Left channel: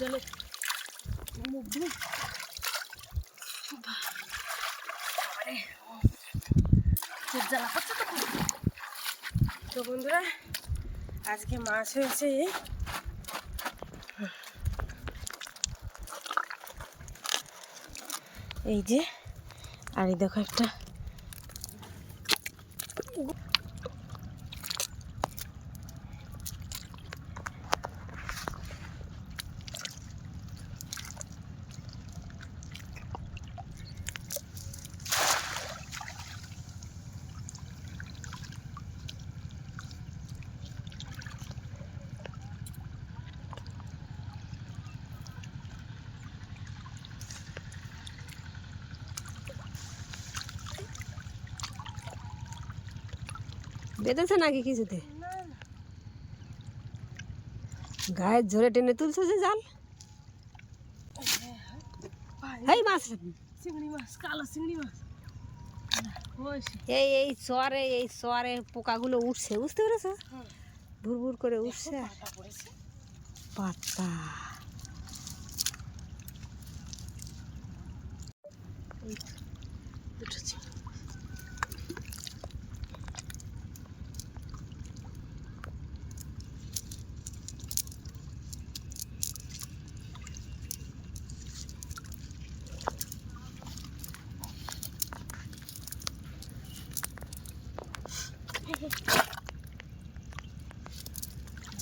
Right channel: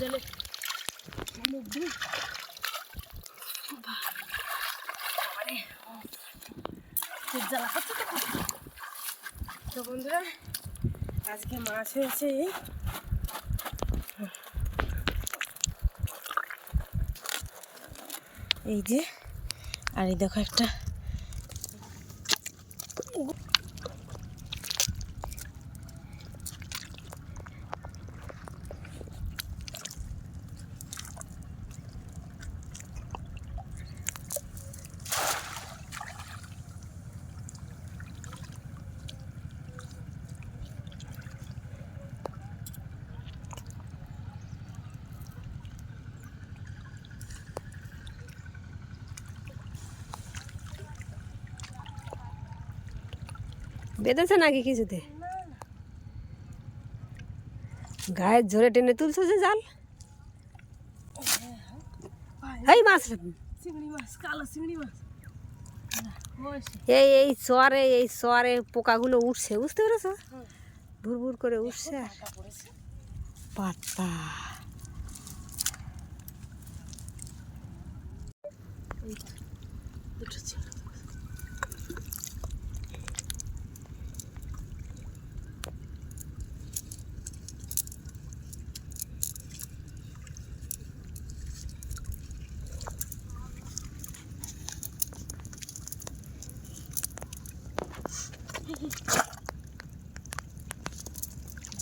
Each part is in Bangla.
জলে মুখ ধুই তো বন্ধুরা আজকে মাছ হয়েছে। এই যে আর এই দেখো একটা বেঁধেছে নাকি কিছুতে? গায়ের ঝরে টেনে তুলছো যে জাল? এই মাছ। এই এই চরে এই চরে পোকাগুলো উঠছে বুঝতে পেরেছ। ভুর ভুর করে উঠছে। পাতা এই তো, দুটো চিংড়ি মাছ।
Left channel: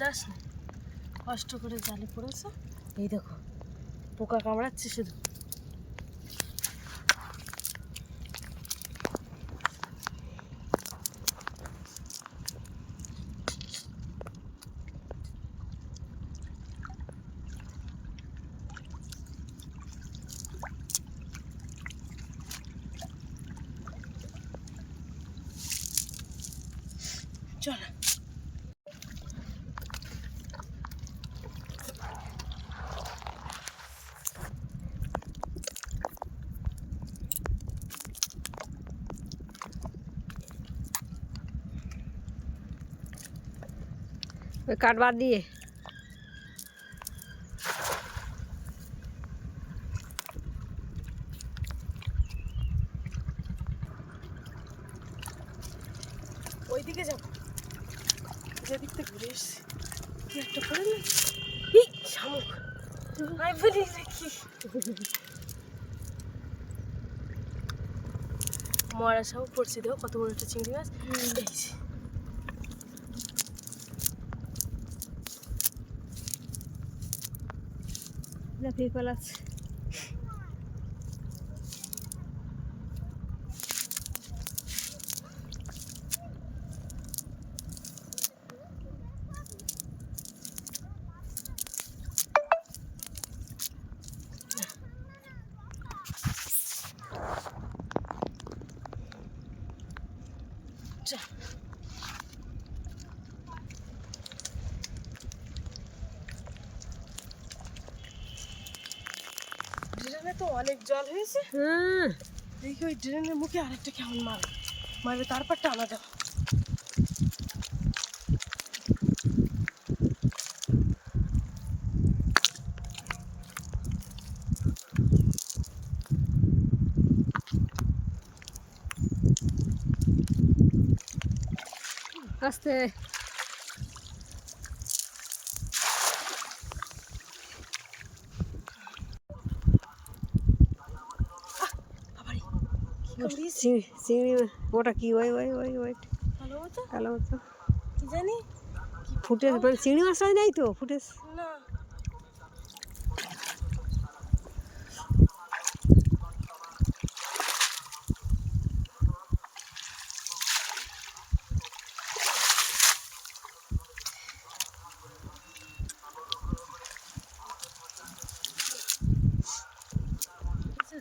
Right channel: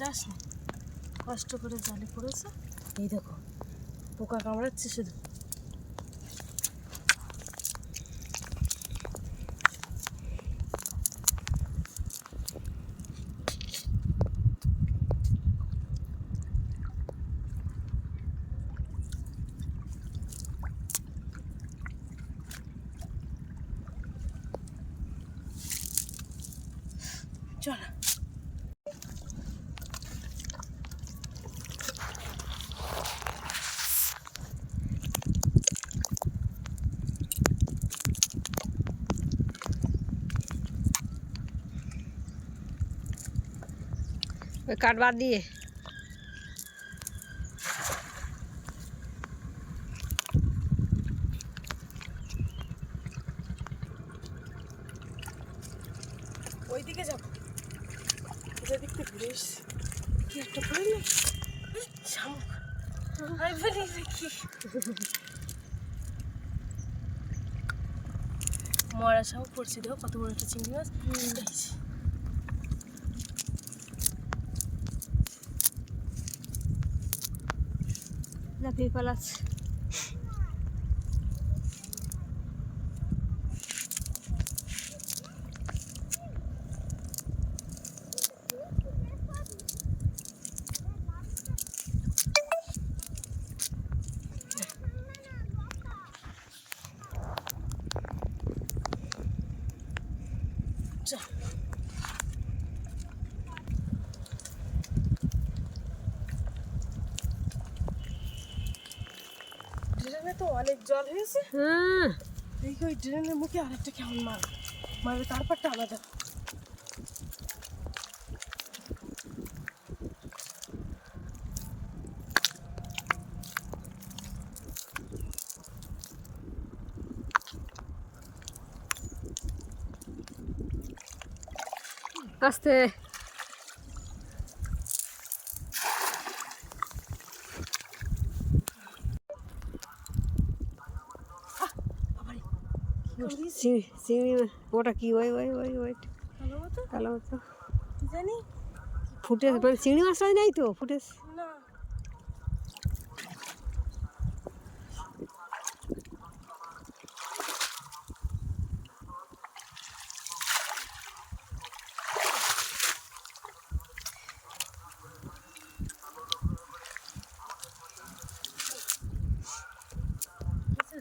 যাস কষ্ট করে জালে পড়েছে? এই দেখো পোকা কামড়াচ্ছে শুধু। চল ওই কাটবার দিয়ে ওইদিকে যাব যেদিক থেকে ঘুরে এসছি কি একটা করে নে। ই শামুক। আমি বলি দেখি মরা শামুক পড়ছে দেখো কত বড় একটা চিংড়ি মাছ। দেখছি লাফিয়ে পালাচ্ছে। চল ড্রেনে তো অনেক জল হয়েছে। হ্যাঁ। দেখি ওই ড্রেনের মুখে আরেকটা কেমন মার মারবে তারপর টানা দেবো আস্তে। চিংড়ি চিংড়ি মাছ। ওটা কি? ওই ওই ওই ওই। কালো মতো। জানি? ফুটেজ মানে চিংড়ি মাছটাই নেই তো? ফুটেজ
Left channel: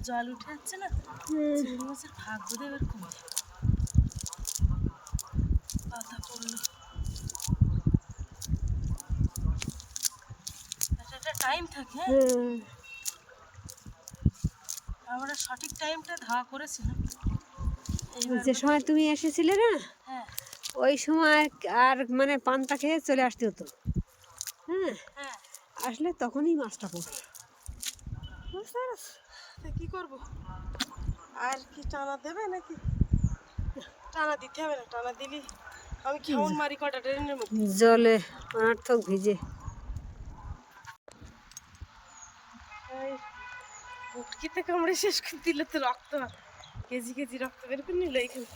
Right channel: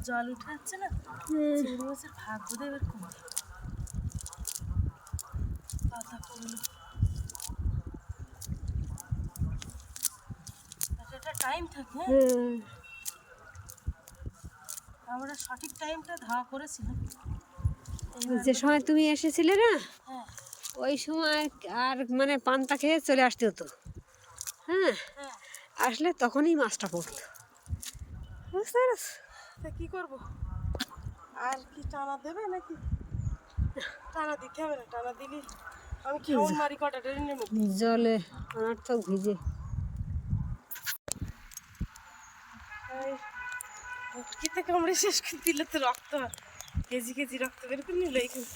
জল উঠে যাচ্ছে না? চিংড়ি মাছের ভাগ বোধ এবার কমে যাবে। পাতা পড়ল। একটা একটা টাইম থাকে হ্যাঁ? আমরা সঠিক টাইমটা ধাওয়া করেছিলাম। যে সময় তুমি এসেছিলে না হ্যাঁ। ওই সময় আর মানে পান্তা খেয়ে চলে আসতে হতো। হ্যাঁ? হ্যাঁ। আসলে তখনই মাছটা পড়তো বুঝতে পেরেছ? তা কি করব? আর কি টানা দেবে নাকি? টানা দিতে হবে না টানা দিলি। আমি খাউন মারি কটা ট্রেনের মধ্যে জলে অনার্থক ভিজে। এই মুটকিতে কামড়ে শেষ করে দিলে তো রক্ত। কেজি কেজি রক্ত বের করে নিল এইখানে।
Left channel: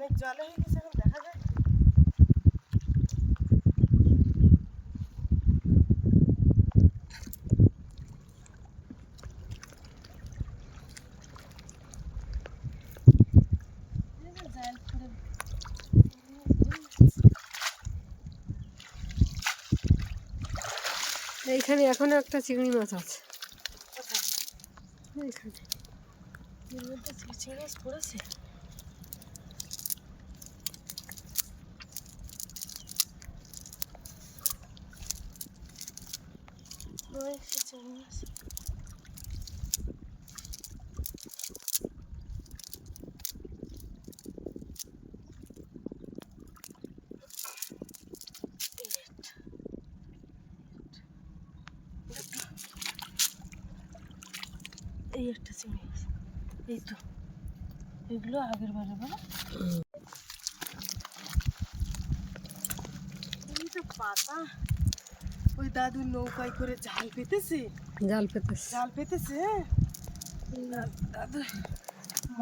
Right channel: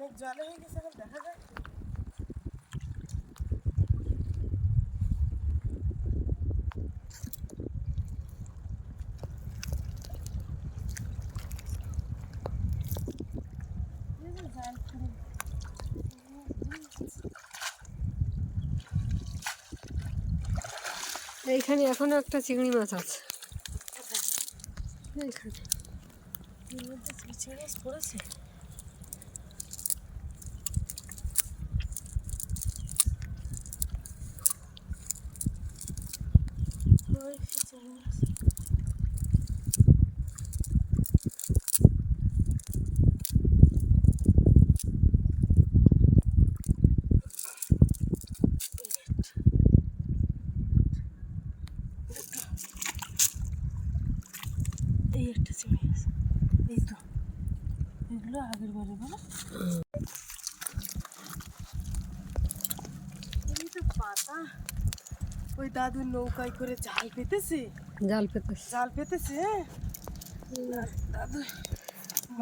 অনেক জল হয়ে গেছে এখন দেখা যায় এইখানে এখনও একটা চিংড়ি মাছ আছে। এইখানে। চিংড়ি মাছ পড়েছে ওই সে চিংড়ি মাছ এই একটা চিংড়ি মাছ এই তো এগুলো আগের বারে বলো। পাতা। ওই দাদু নৌকায় করে জাল পেতেছে? জাল পেতেছে। জাল পেতেছে? দাদু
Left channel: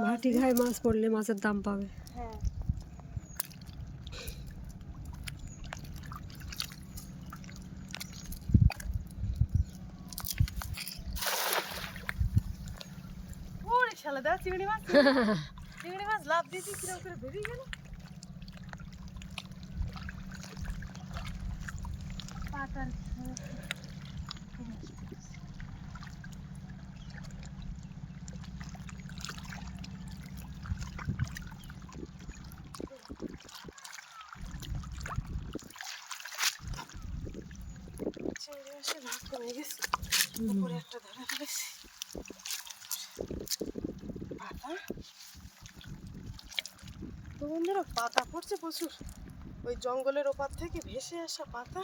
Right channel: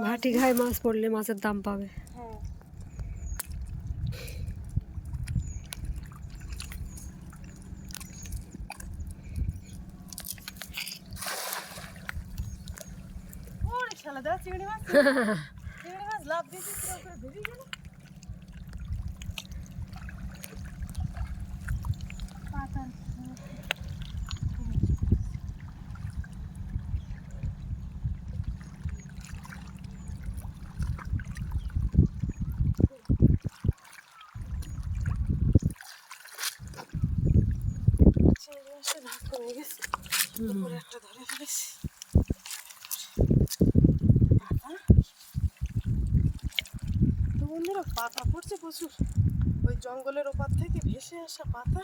ভাটি ঘায় মাছ পড়লে মাছের দাম পাবে। হ্যাঁ। দাদা চিংড়ি মাছ চিংড়ি মাছ লাভ দিয়েছি কীরকম করে বেরিয়ে গেল পাতার চিংড়ি মাছের ভাগ কমে গেছে উপরে একটা ধরে ফেলেছি পাতা তো বন্ধুরা পাতা পড়ছে প্রচুর। ওই জঙ্গলের ওপার থেকে ভেসে আসা পাতা।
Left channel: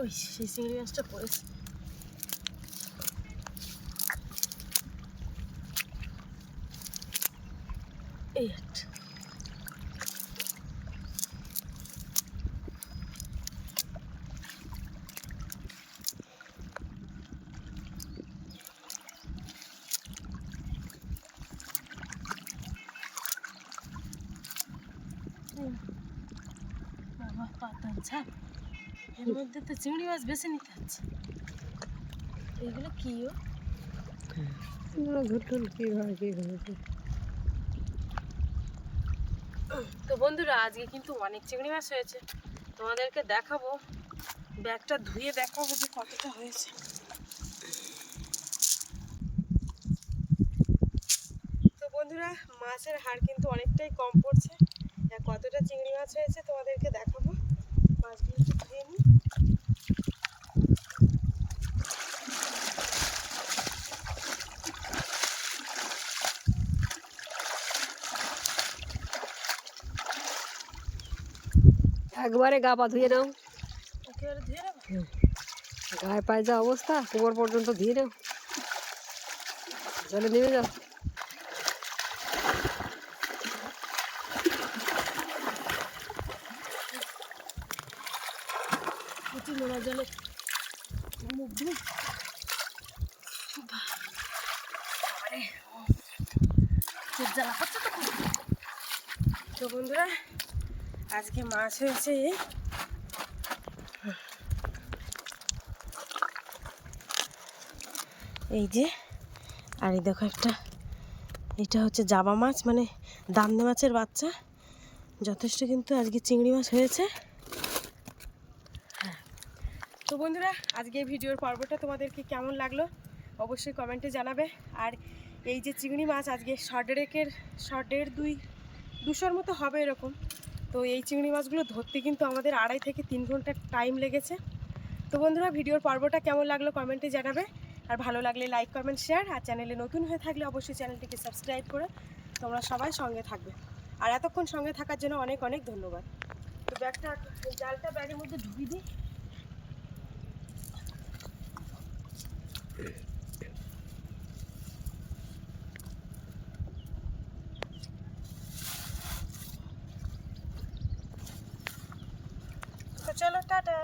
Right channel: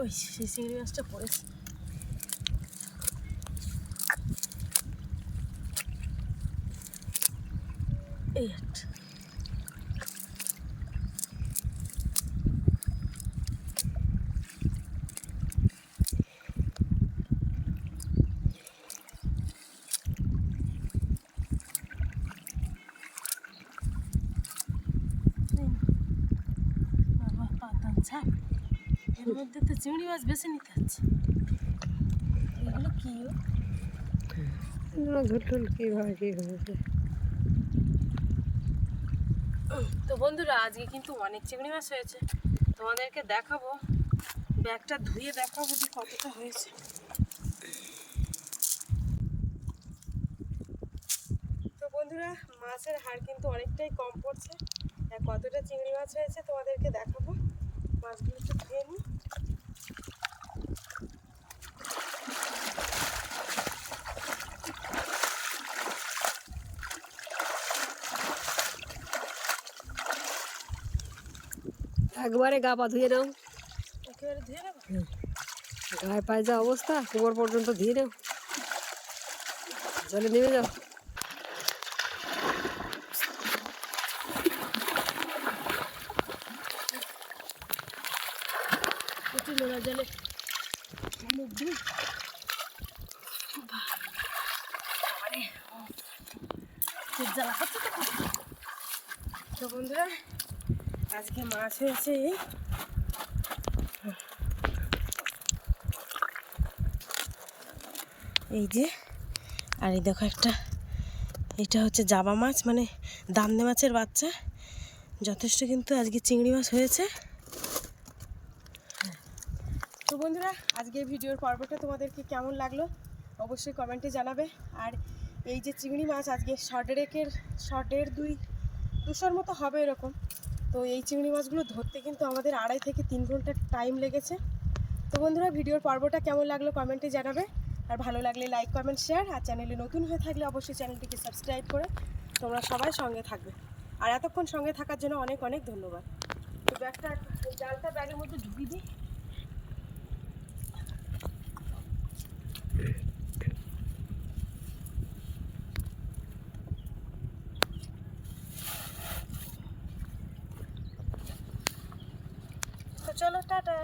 ওই সেই চিংড়ি মাছটা পড়েছে। এই একটা। বাবা পাতার ঝাপ এর মধ্যে তো চিংড়ি মাছ বেছে নিতে হচ্ছে। এগুলো কি ও ধরল কীভাবে কী হয়েছে? তো বন্ধুরা আজকে কিন্তু অনেক চিংড়ি মাছ হয়েছে। তোমাদেরকে দেখাবো। ব্যাগটা ধুয়ে দেখাবো যে কতটা হয়েছে। তো বন্ধুরা মাছের হাড় কিন্তু অনেকটাই কম পড়ছে। কতটা চিংড়ি মাছ হয়েছে তোমাদেরকে দেখাবো। মাছগুলো একটু ধুয়ে নিই। একবারে গা পা ধুয়ে নাও। গায়ে পায়ে যা অবস্থা কোমর পর্যন্ত ধুয়ে নাও। জলে নেমে যাও। একটু নোনা জলে মুখ ধুই। তো বন্ধুরা, আজকে মাছ হয়েছে। এই যে, আর এই দেখো একটা, এটা হচ্ছে জাবা মাছ মানে দামনে মাছের বাচ্চা। যথেষ্ট কিন্তু আজকে চিংড়ি মাছ হয়েছে। বন্ধুরা, আজকে ভিডিওর পর্বটা তোমাদেরকে কেমন লাগল অবশ্যই কমেন্টে জানাবে। আর এই যে চিংড়ি মাছ আজকে শর্টের শর্টের দুই, দুশোর মতো হবে এরকম। তো এই চিংড়ি মাছগুলো ধরতে কিন্তু আমাদের আড়াই থেকে তিন ঘণ্টা টাইম লেগেছে। তো বন্ধুরা, ভিডিওর পর্বটা কেমন লাগল কমেন্টে জানাবে। আর ভালো লাগলে লাইক কমেন্ট শেয়ার আর চ্যানেলে নতুন হয়ে থাকলে অবশ্যই চ্যানেলটিকে সাবস্ক্রাইব করে তোমরা সবাই সঙ্গে থাকবে। আর এতক্ষণ সঙ্গে থাকার জন্য অনেক অনেক ধন্যবাদ। তো ব্যাগটা জালটা ব্যাগের মধ্যে ঢুকিয়ে দিই। তো চলো টাটা